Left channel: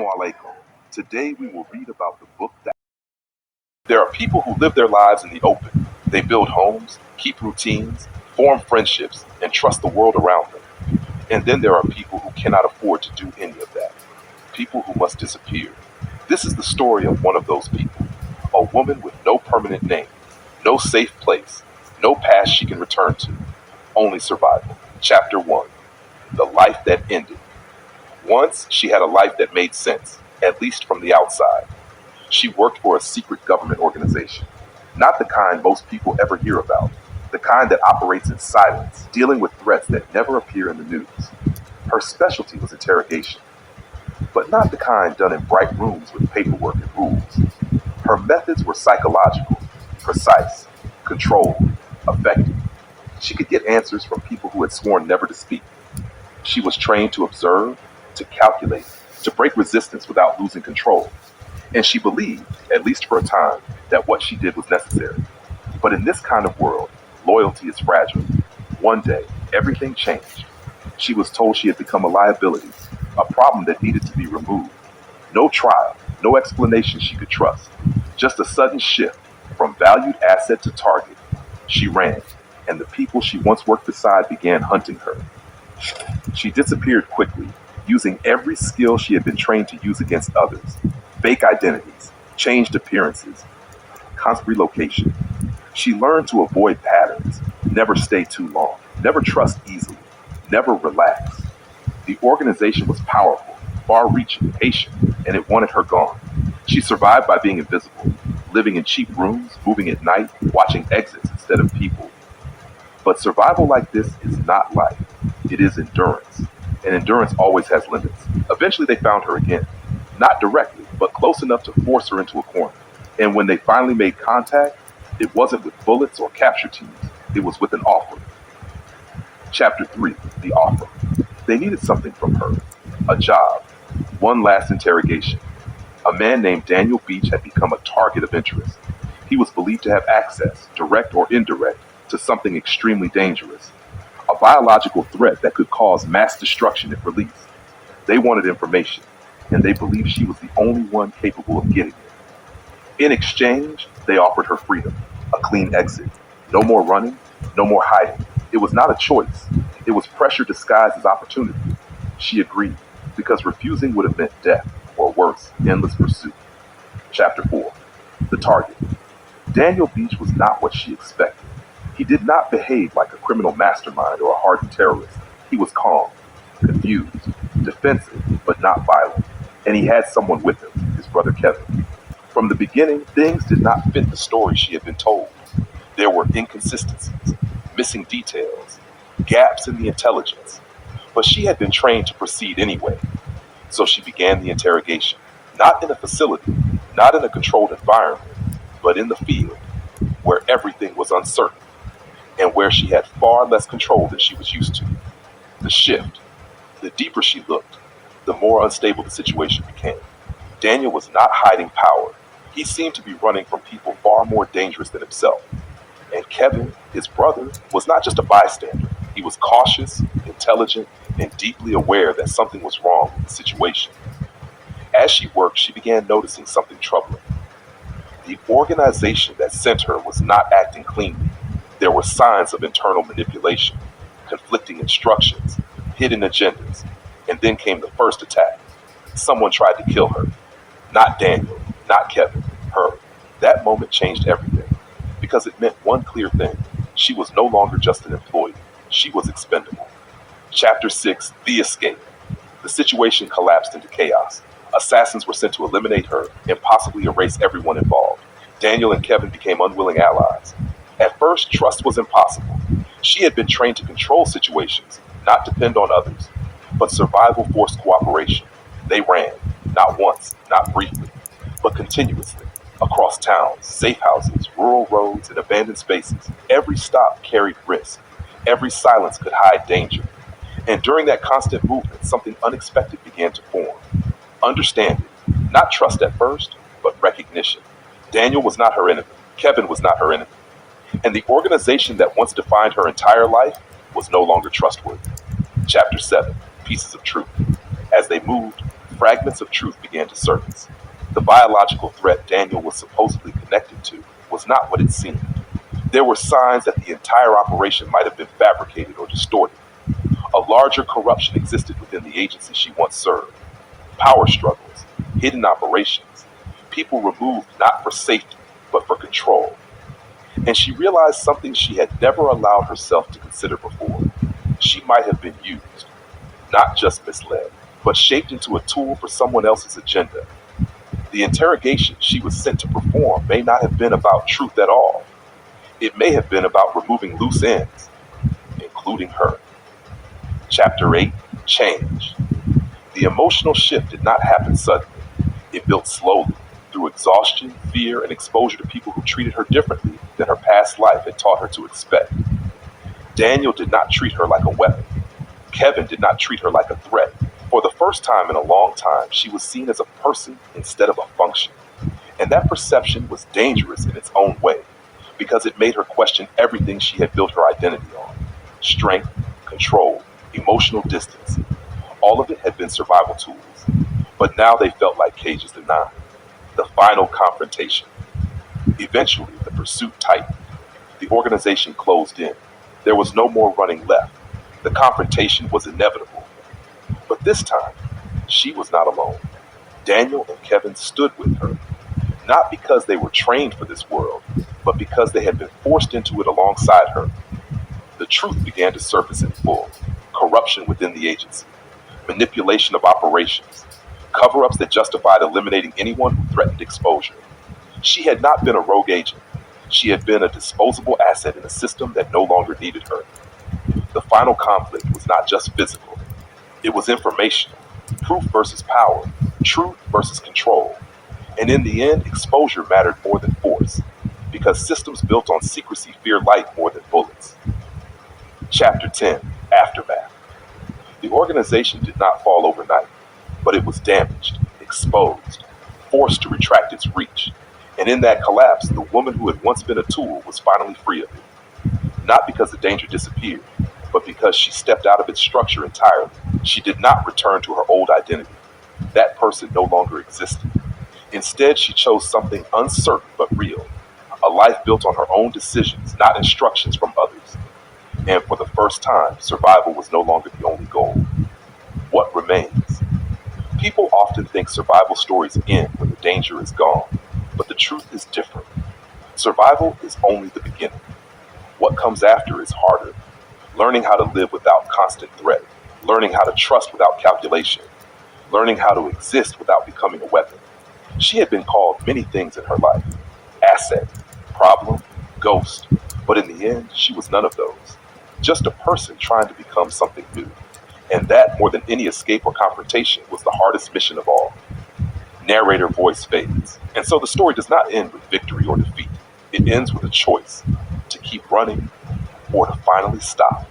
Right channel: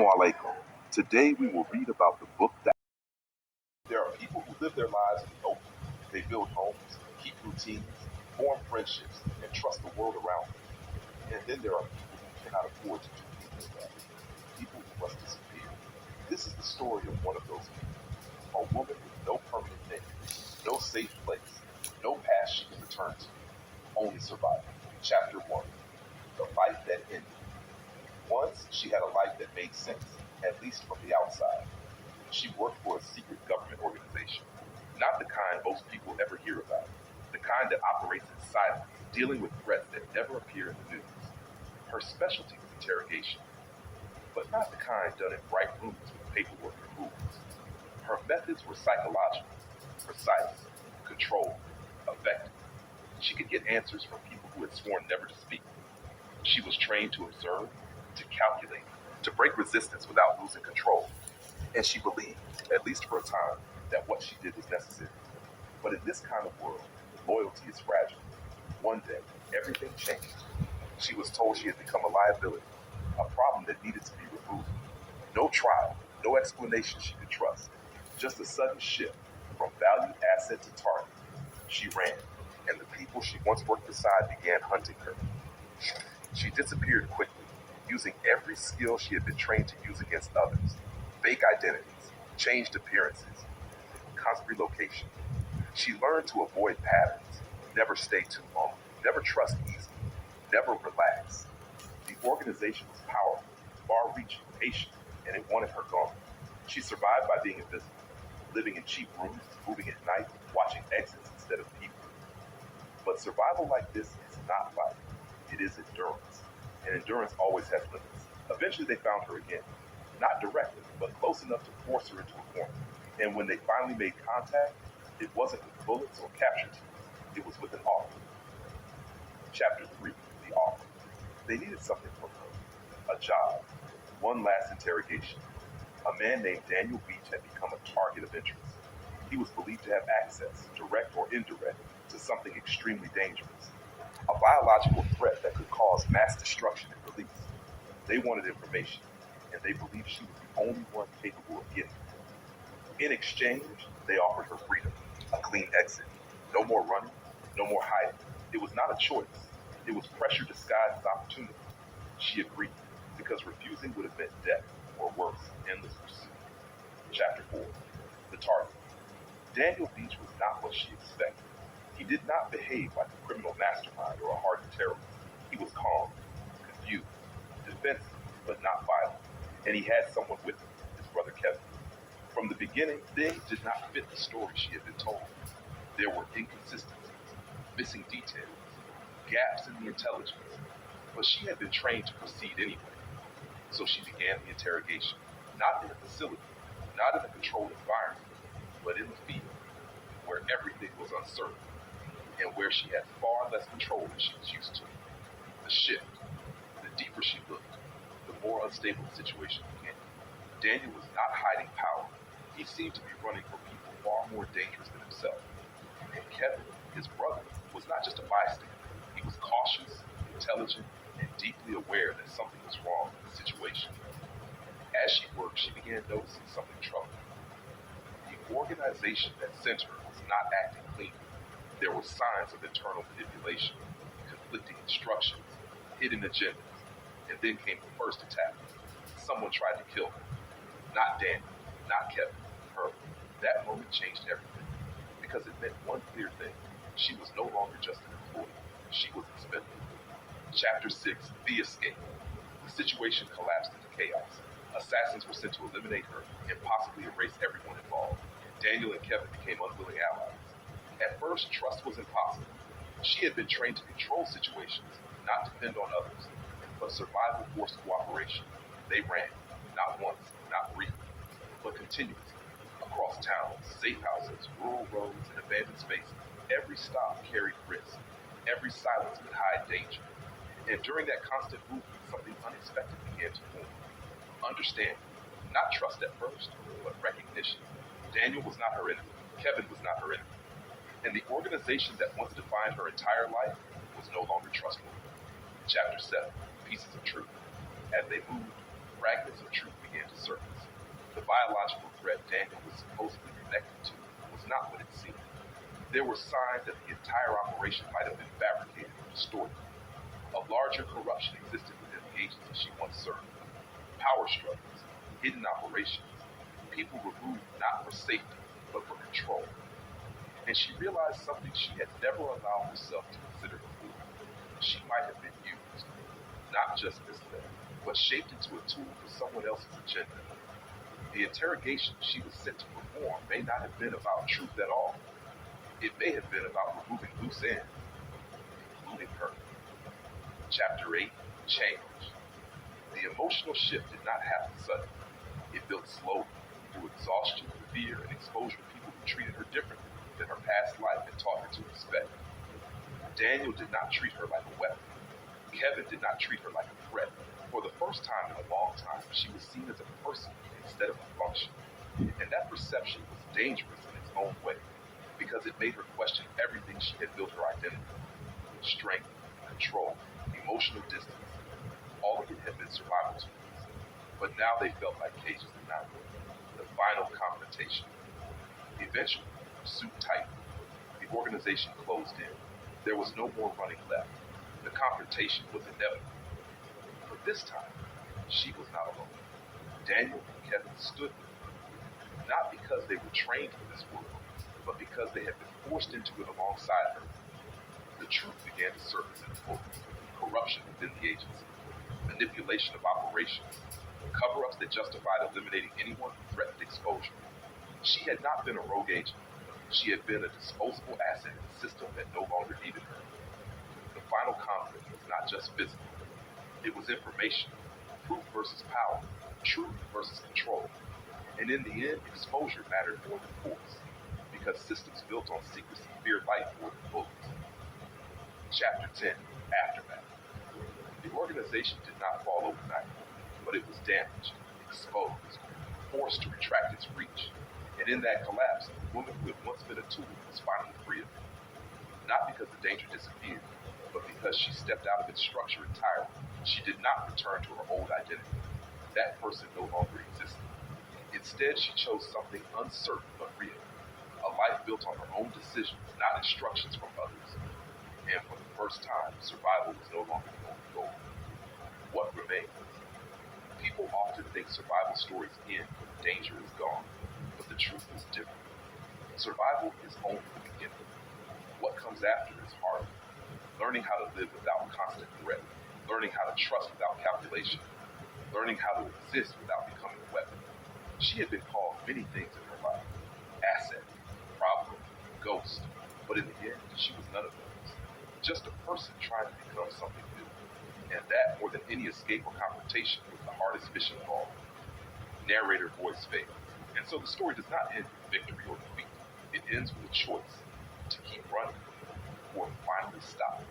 Assalamu alaikum. Today we will read about the book that there are people who live their lives in the open. They build homes, keep routines, form friendships, and trust the world around them. And then there are people who cannot afford to do any of that. People who must disappear. This is the story of one of those people. A woman with no permanent name, no safe place, no past she can return to, only survival. Chapter 1. The Life That Ended. Once she had a life that made sense, at least from the outside. She worked for a secret government organization. Not the kind most people ever hear about. The kind that operates in silence, dealing with threats that never appear in the news. Her specialty was interrogation. But not the kind done in bright rooms with paperwork and rules. Her methods were psychological, precise, controlled, effective. She could get answers from people who had sworn never to speak. She was trained to observe, to calculate, to break resistance without losing control. And she believed, at least for a time, that what she did was necessary. But in this kind of world, loyalty is fragile. One day, everything changed. She was told she had become a liability, a problem that needed to be removed. No trial, no explanation she could trust. Just a sudden shift from valued asset to target. She ran, and the people she once worked beside began hunting her. She disappeared quickly, using every skill she had been trained to use against others. Fake identities, changed appearances, constant relocation. She learned to avoid patterns, never stay too long, never trust easily, never relax. The organization was powerful, far-reaching, patient, and it wanted her gone. She survived by being invisible, living in cheap rooms, moving at night, watching exits instead of people. But survival like this is not life. It is endurance. And endurance always has limits. Eventually they found her again. Not directly, but close enough to force her into a corner. And when they finally made contact, it wasn't with bullets or capture teams. It was with an offer. Chapter 3, The Offer. They needed something from her. A job. One last interrogation. A man named Daniel Beach had become a target of interest. He was believed to have access, direct or indirect, to something extremely dangerous. A biological threat that could cause mass destruction if released. They wanted information, and they believed she was the only one capable of getting it. In exchange, they offered her freedom, a clean exit. No more running, no more hiding. It was not a choice. It was pressure disguised as opportunity. She agreed, because refusing would have meant death, or worse, endless pursuit. Chapter 4. The Target. Daniel Beach was not what she expected. He did not behave like a criminal mastermind or a hardened terrorist. He was calm, confused, defensive, but not violent. And he had someone with him, his brother Kevin. From the beginning, things did not fit the story she had been told. There were inconsistencies, missing details, gaps in the intelligence. But she had been trained to proceed anyway. So she began the interrogation, not in a facility, not in a controlled environment, but in the field, where everything was uncertain, and where she had far less control than she was used to. The shift, the deeper she looked, the more unstable the situation became. Daniel was not hiding power. He seemed to be running from people far more dangerous than himself. And Kevin, his brother, was not just a bystander. He was cautious, intelligent, and deeply aware that something was wrong with the situation. As she worked, she began noticing something troubling. The organization that sent her was not acting cleanly. There were signs of internal manipulation, conflicting instructions, hidden agendas, and then came the first attack. Someone tried to kill her. Not Daniel, not Kevin, her. That moment changed everything, because it meant one clear thing. She was no longer just an employee. She was expendable. Chapter 6, The Escape. The situation collapsed into chaos. Assassins were sent to eliminate her and possibly erase everyone involved. Daniel and Kevin became unwilling allies. At first, trust was impossible. She had been trained to control situations, not depend on others. But survival forced cooperation. They ran, not once, not briefly, but continuously, across towns, safe houses, rural roads, and abandoned spaces. Every stop carried risk. Every silence could hide danger. And during that constant movement, something unexpected began to form. Understanding, not trust at first, but recognition. Daniel was not her enemy. Kevin was not her enemy. And the organization that once defined her entire life was no longer trustworthy. Chapter 7, Pieces of Truth. As they moved, fragments of truth began to surface. The biological threat Daniel was supposedly connected to was not what it seemed. There were signs that the entire operation might have been fabricated or distorted. A larger corruption existed within the agency she once served. Power struggles, hidden operations, people removed not for safety, but for control. And she realized something she had never allowed herself to consider before. She might have been used, not just misled, but shaped into a tool for someone else's agenda. The interrogation she was sent to perform may not have been about truth at all. It may have been about removing loose ends, including her. Chapter 8, Change. The emotional shift did not happen suddenly. It built slowly, through exhaustion, fear, and exposure to people who treated her differently than her past life had taught her to expect. Daniel did not treat her like a weapon. Kevin did not treat her like a threat. For the first time in a long time, she was seen as a person instead of a function. And that perception was dangerous in its own way, because it made her question everything she had built her identity on. Strength, control, emotional distance. All of it had been survival tools. But now they felt like cages to nine. The final confrontation. Eventually, the pursuit tightened. The organization closed in. There was no more running left. The confrontation was inevitable. But this time, she was not alone. Daniel and Kevin stood with her, not because they were trained for this world, but because they had been forced into it alongside her. The truth began to surface in full. Corruption within the agency, manipulation of operations, cover-ups that justified eliminating anyone who threatened exposure. She had not been a rogue agent. She had been a disposable asset in a system that no longer needed her. The final conflict was not just physical. It was informational. Proof versus power. Truth versus control. And in the end, exposure mattered more than force, because systems built on secrecy fear light more than bullets. Chapter 10, Aftermath. The organization did not fall overnight, but it was damaged, exposed, forced to retract its reach. And in that collapse, the woman who had once been a tool was finally free of it. Not because the danger disappeared, but because she stepped out of its structure entirely. She did not return to her old identity. That person no longer existed. Instead, she chose something uncertain but real, a life built on her own decisions, not instructions from others. And for the first time, survival was no longer the only goal. What remains? People often think survival stories end when the danger is gone, but the truth is different. Survival is only the beginning. What comes after is harder. Learning how to live without constant threat, learning how to trust without calculation, learning how to exist without becoming a weapon. She had been called many things in her life: asset, problem, ghost, but in the end, she was none of those. Just a person trying to become something new. And that, more than any escape or confrontation, was the hardest mission of all. Narrator voice fades. And so the story does not end with victory or defeat. It ends with a choice: to keep running or to finally stop.